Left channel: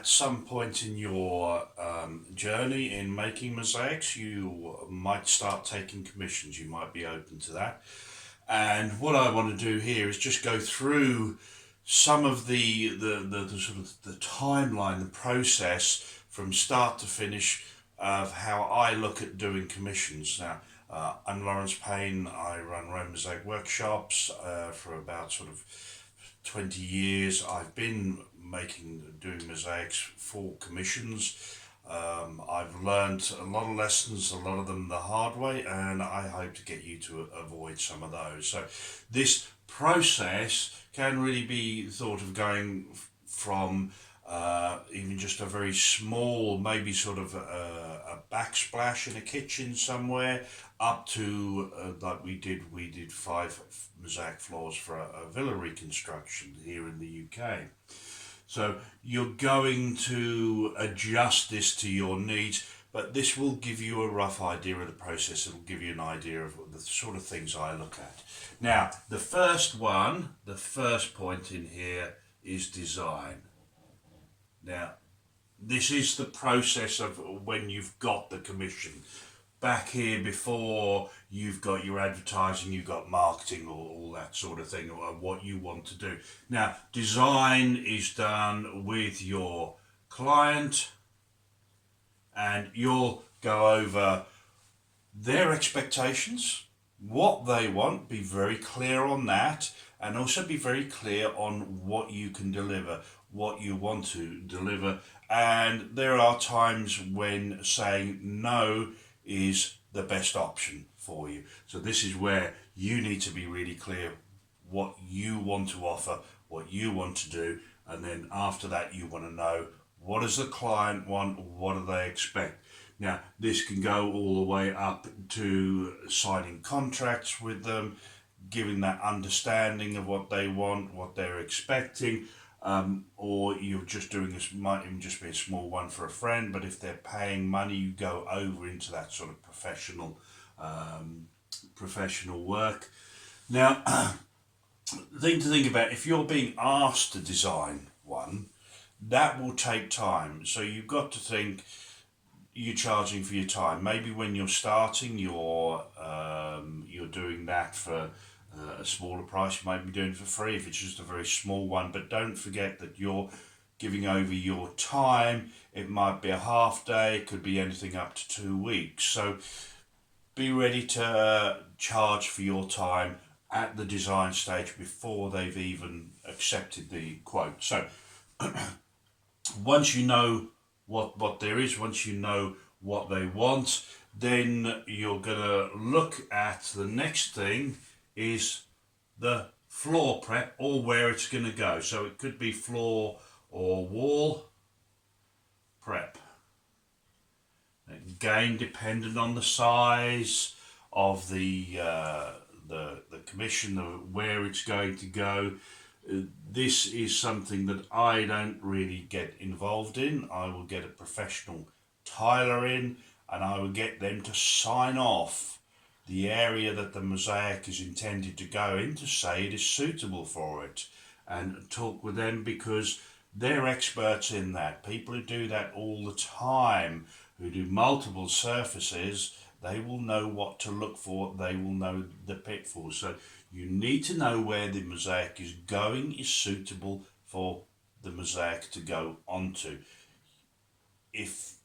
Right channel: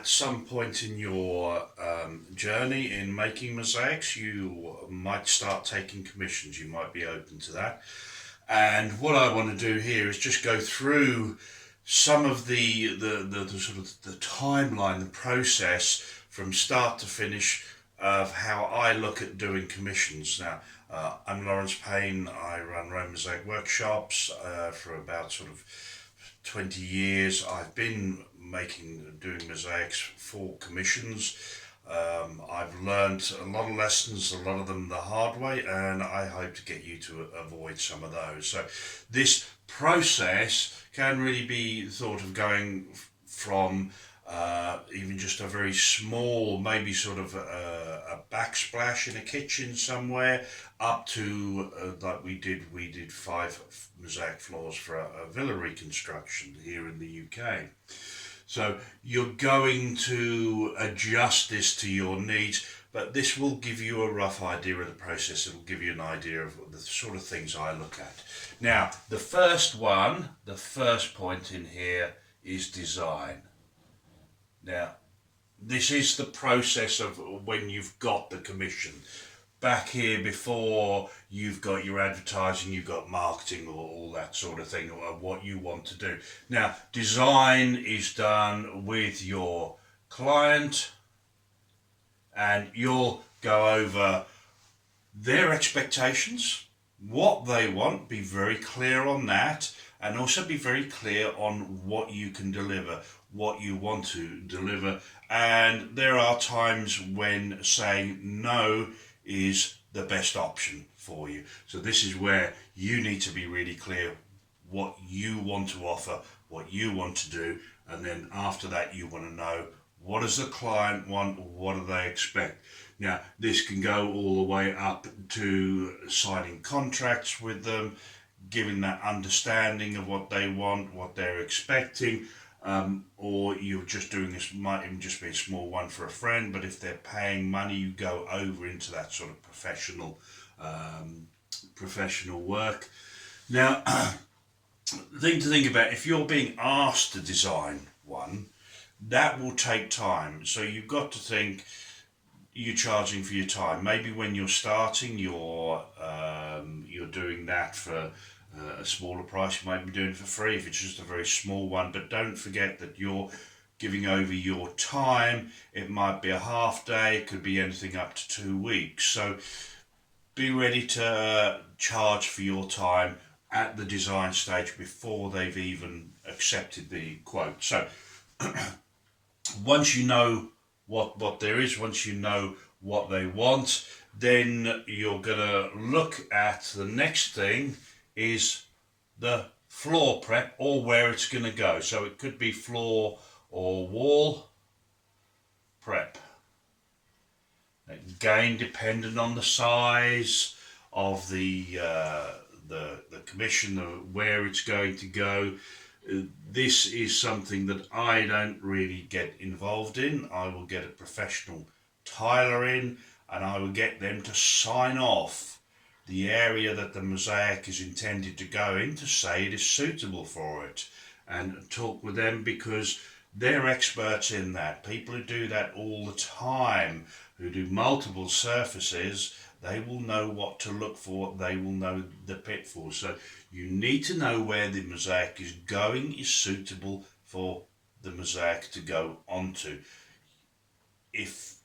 at some point in your journey in making mosaics, you might start taking commissions. You might be open to that. And what I want to do here is just go through some of the sort of the timeline, the process from start to finish of how I look at doing commissions. Now, I'm Lawrence Payne. I run Rome Mosaic workshops for about sort of 20 years. I've been doing mosaics for commissions. I've learned a lot of lessons, a lot of them the hard way, and I hope to get you to avoid some of those. So this process can really be thought of going from even just a very small, maybe sort of a backsplash in a kitchen somewhere, up to like we did 5 mosaic floors for a villa reconstruction here in the UK. So you're going to adjust this to your needs, but this will give you a rough idea of the process. It will give you an idea of the sort of things I look at. Now, the first point in here is design. Now, this is the process of when you've got the commission. Back here before, you've got your advertising, you've got marketing, or all that sort of thing, or what you want to do. Now, design is done with your client, and you'll go over their expectations, what they want, be very clear on that, and also be very clear on what you can deliver, what you want to deliver. And there are times when saying no is the best option for you. So this is where you need to be really clear what you want to offer, what you want to do, and then after that you want to know, what does the client want, what do they expect. Now, this can go all the way up to signing contracts with them, giving that understanding of what they want, what they're expecting, or you're just doing this, might even just be a small one for a friend, but if they're paying money, you go over into that sort of professional work. Now, the thing to think about, if you're being asked to design one, that will take time. So you've got to think, you're charging for your time. Maybe when you're starting, you're doing that for a smaller price. You might be doing it for free if it's just a very small one, but don't forget that you're giving over your time. It might be a half day, it could be anything up to 2 weeks. So be ready to charge for your time at the design stage before they've even accepted the quote. So once you know what there is, once you know what they want, then you're gonna look at the next thing is the floor prep, or where it's going to go. So it could be floor or wall prep. Again, dependent on the size of the commission, of where it's going to go. This is something that I don't really get involved in. I will get a professional tiler in, and I will get them to sign off the area that the mosaic is intended to go in, to say it is suitable for it, and talk with them, because they're experts in that. People who do that all the time, who do multiple surfaces, they will know what to look for, they will know the pitfalls. So you need to know where the mosaic is going, is suitable for the mosaic to go onto. If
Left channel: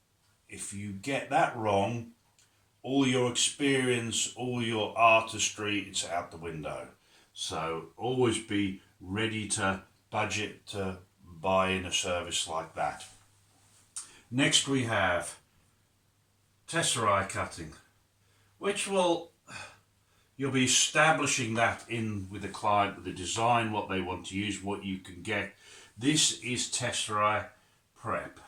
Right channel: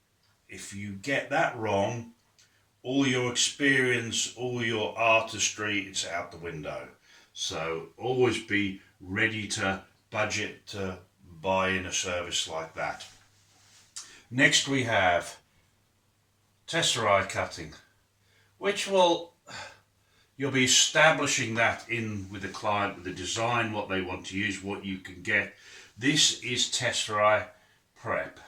you get that wrong, all your experience, all your artistry, it's out the window. So always be ready to budget to buy in a service like that. Next we have tesserae cutting, which you'll be establishing that in with the client, with the design, what they want to use, what you can get. This is tesserae prep.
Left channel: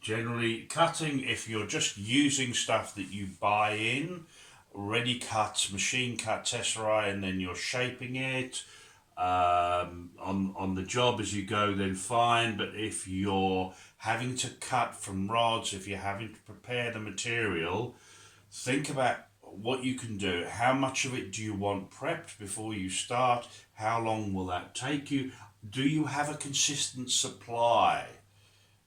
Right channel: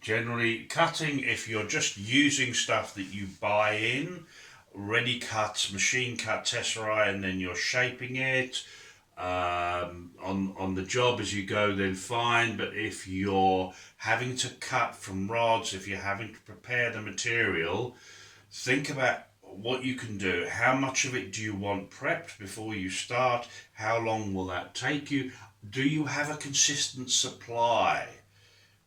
Generally cutting, if you're just using stuff that you buy in, ready cut, machine cut tesserae, and then you're shaping it on the job as you go, then fine. But if you're having to cut from rods, if you're having to prepare the material, think about what you can do. How much of it do you want prepped before you start? How long will that take you? Do you have a consistent supply?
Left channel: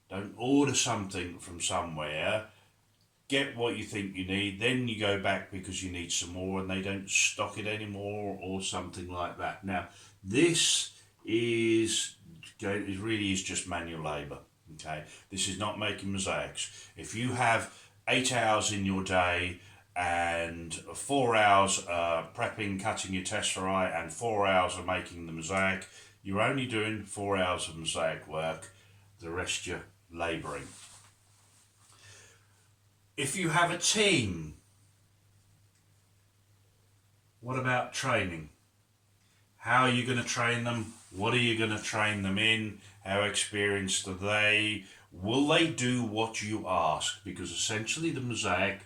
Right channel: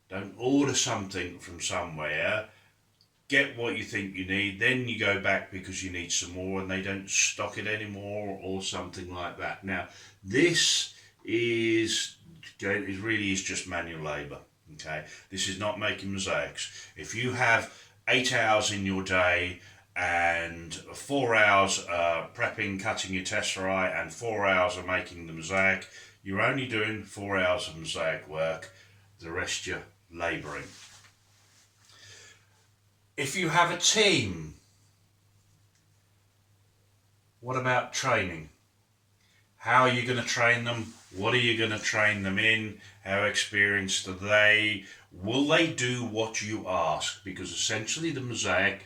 Don't order something from somewhere, get what you think you need, then you go back because you need some more and they don't stock it anymore or something like that. Now, this is it really is just manual labour. Okay, this is not making mosaics. If you have 8 hours in your day and 4 hours prepping, cutting your tesserae, and 4 hours of making the mosaic, you're only doing 4 hours of mosaic work. The rest you're labouring. If you have a team, what about training? How are you going to train them? What are you going to train them in? How experienced are they? Will they do what you ask? Because essentially the mosaic,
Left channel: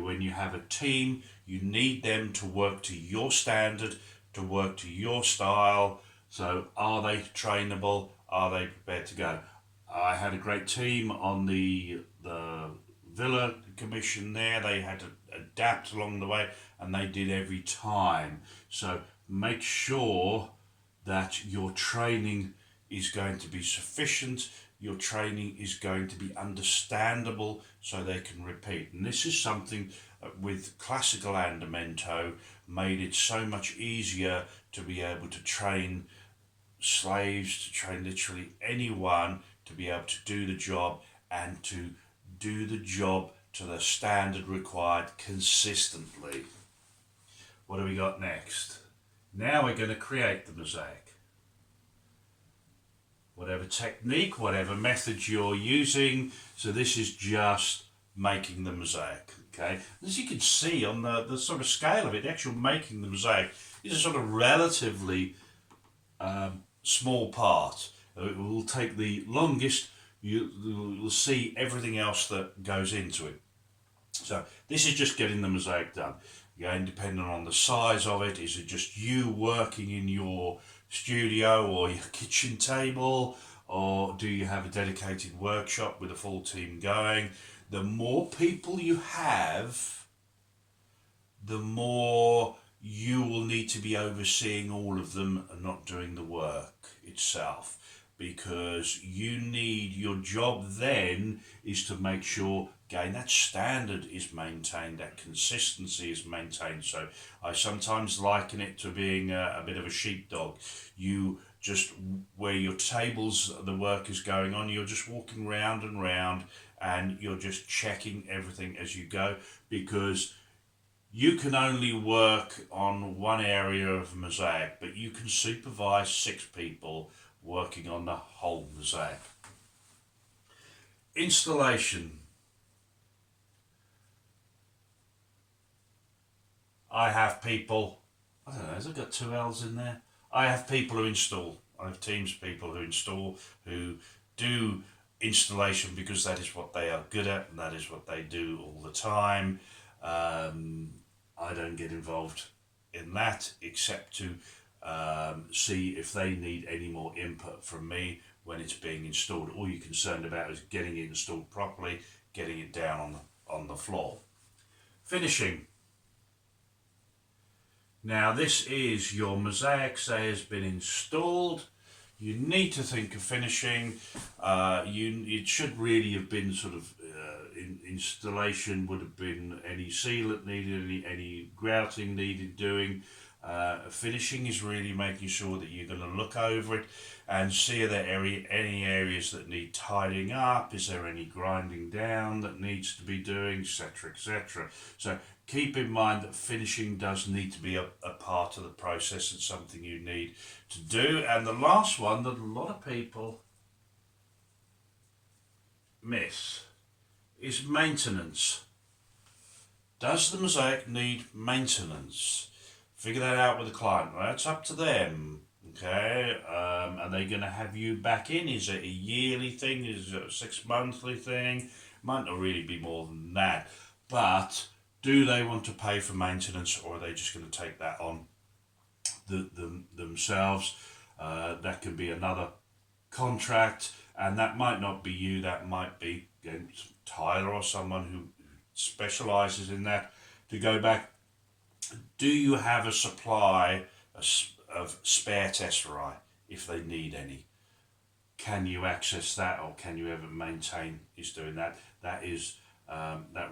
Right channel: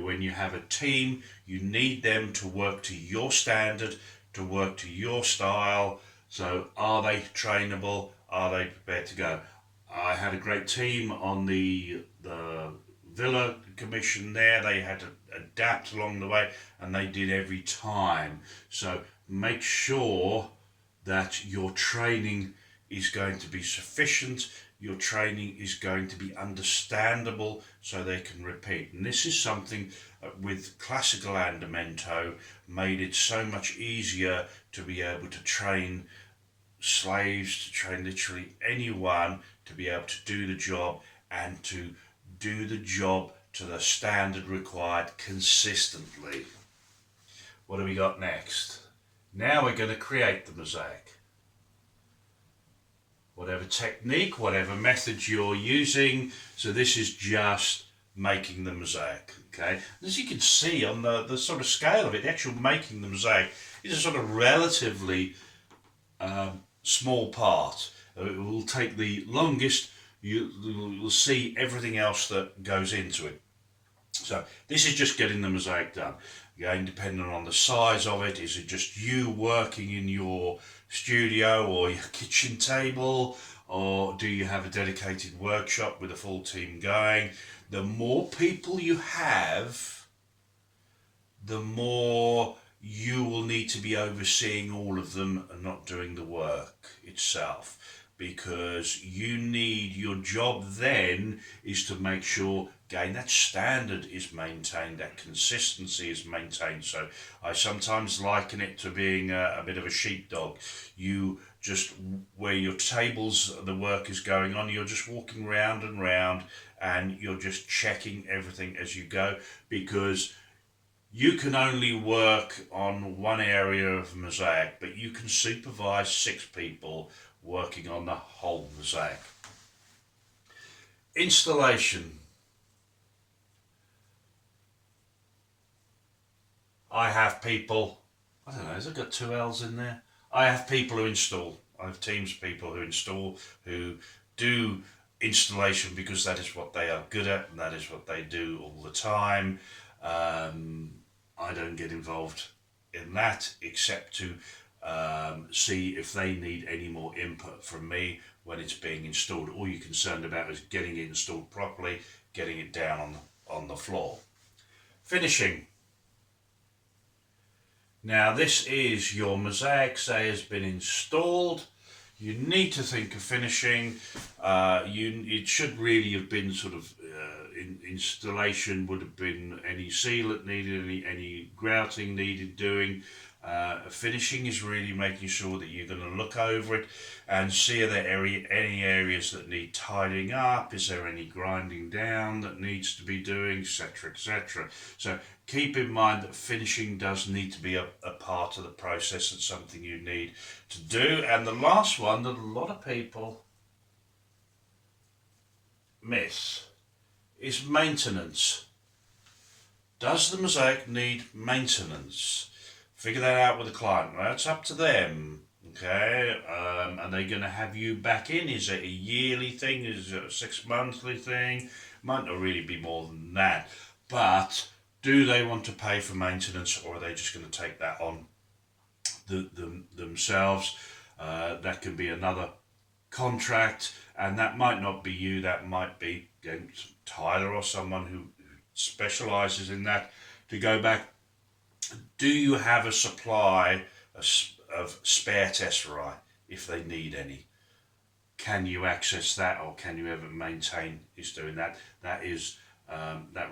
when you have a team, you need them to work to your standard, to work to your style. So are they trainable? Are they prepared to go? I had a great team on the villa commission there. They had to adapt along the way and they did every time. So make sure that your training is going to be sufficient, your training is going to be understandable so they can repeat. And this is something with classical andamento made it so much easier to be able to train slaves, to train literally anyone to be able to do the job and to do the job to the standard required consistently. What do we got next? Now we're going to create the mosaic. Whatever technique, whatever method you're using, so this is just making the mosaic. Okay, as you can see on the sort of scale of it, the actual making the mosaic is a sort of relatively small part. It will take the longest. You'll see everything else that goes into it. So this is just getting the mosaic done. Again, depending on the size of it, is it just you working in your studio or your kitchen table, or do you have a dedicated workshop with a full team going? The more people you have, the more you will need to be overseeing all of them and not doing the work itself, because you need, your job then is to make sure, again, that standard is maintained, that consistency is maintained. So I sometimes liken it to being a bit of a sheepdog. You just, where your tables, the work is going on, you're just walking round and round and you're just checking everything as you go, because you can only work on one area of mosaic, but you can supervise 6 people working on the whole mosaic. Installation. I have people, I don't know, has it got 2 L's in there? I have people who install. I have teams of people who install, who do installation because that is what they are good at and that is what they do all the time. I don't get involved in that except to see if they need any more input from me when it's being installed. All you're concerned about is getting it installed properly, getting it down on the floor. Finishing. Now this is your mosaic, say, has been installed. You need to think of finishing. It should really have been sort of installation would have been any sealant needed, any grouting needed doing. Finishing is really making sure that you're going to look over it and see are there any areas that need tidying up, is there any grinding down that needs to be doing, etc, etc. So keep in mind that finishing does need to be a part of the process and something you need to do. And the last one that a lot of people miss is maintenance. Does the mosaic need maintenance? Figure that out with the client, right? It's up to them, okay? Are they going to have you back in? Is it a yearly thing? Is it a 6-monthly thing? Might not really be more than that. But do they want to pay for maintenance, or are they just going to take that on themselves? That can be another contract, and that might not be you. That might be Tyler or someone who specialises in that, to go back. Do you have a supply of spare tesserae if they need any? can you access that, or can you ever maintain is doing that? That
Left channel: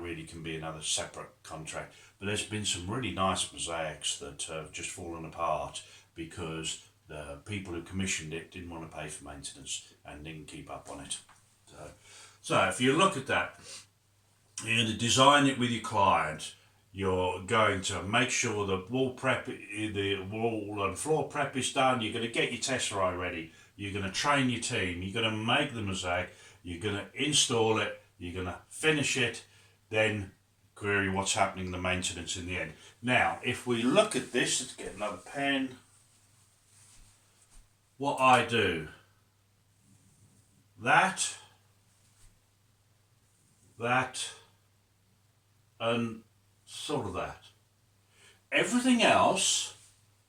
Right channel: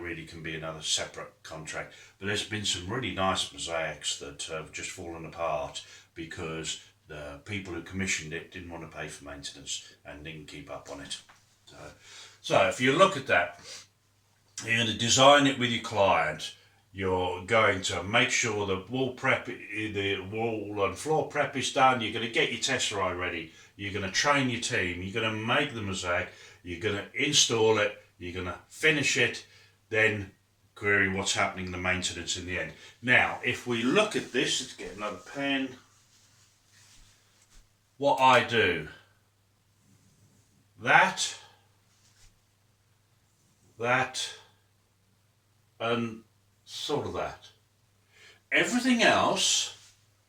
really can be another separate contract. But there's been some really nice mosaics that have just fallen apart because the people who commissioned it didn't want to pay for maintenance and didn't keep up on it. So if you look at that, you're going to design it with your client. You're going to make sure the the wall and floor prep is done. You're going to get your tesserae ready. You're going to train your team. You're going to make the mosaic. You're going to install it. You're going to finish it. Then query what's happening in the maintenance in the end. Now, if we look at this, let's get another pen. What I do, that, and sort of that. Everything else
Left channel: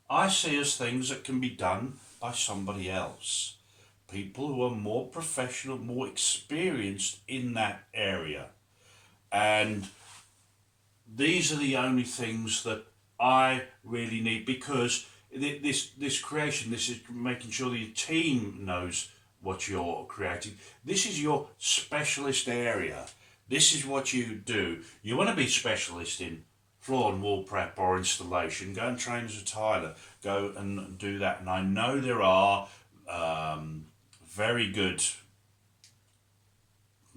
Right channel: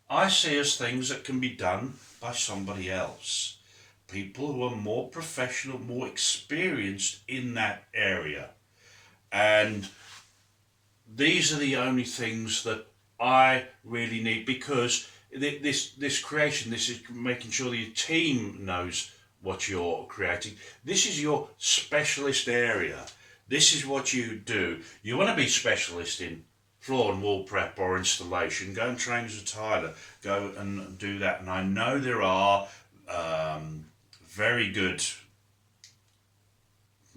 I see as things that can be done by somebody else. People who are more professional, more experienced in that area. And these are the only things that I really need, because this creation, this is making sure that your team knows what you're creating. This is your specialist area. This is what you do. You want to be specialist in floor and wall prep or installation. Go and train as a tiler. Go and do that. And I know there are very good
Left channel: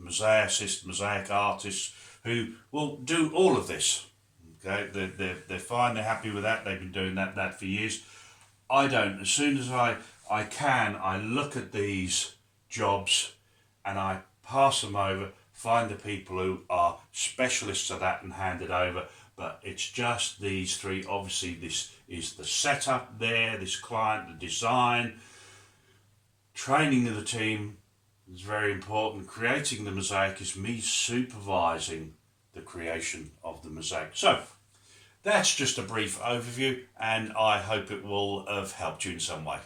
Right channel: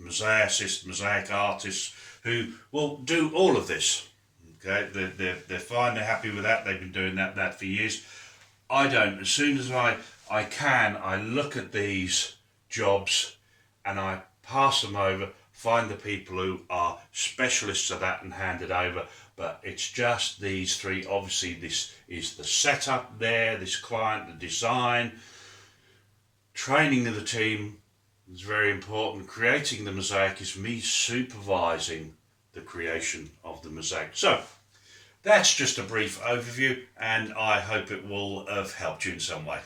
mosaicists, mosaic artists who will do all of this. Okay, they're fine. They're happy with that. They've been doing that for years. I don't. As soon as I can, I look at these jobs and I pass them over, find the people who are specialists of that and hand it over. But it's just these three. Obviously, this is the setup there, this client, the design, training of the team is very important. Creating the mosaic is me supervising the creation of the mosaic. So that's just a brief overview, and I hope it will have helped you in some way.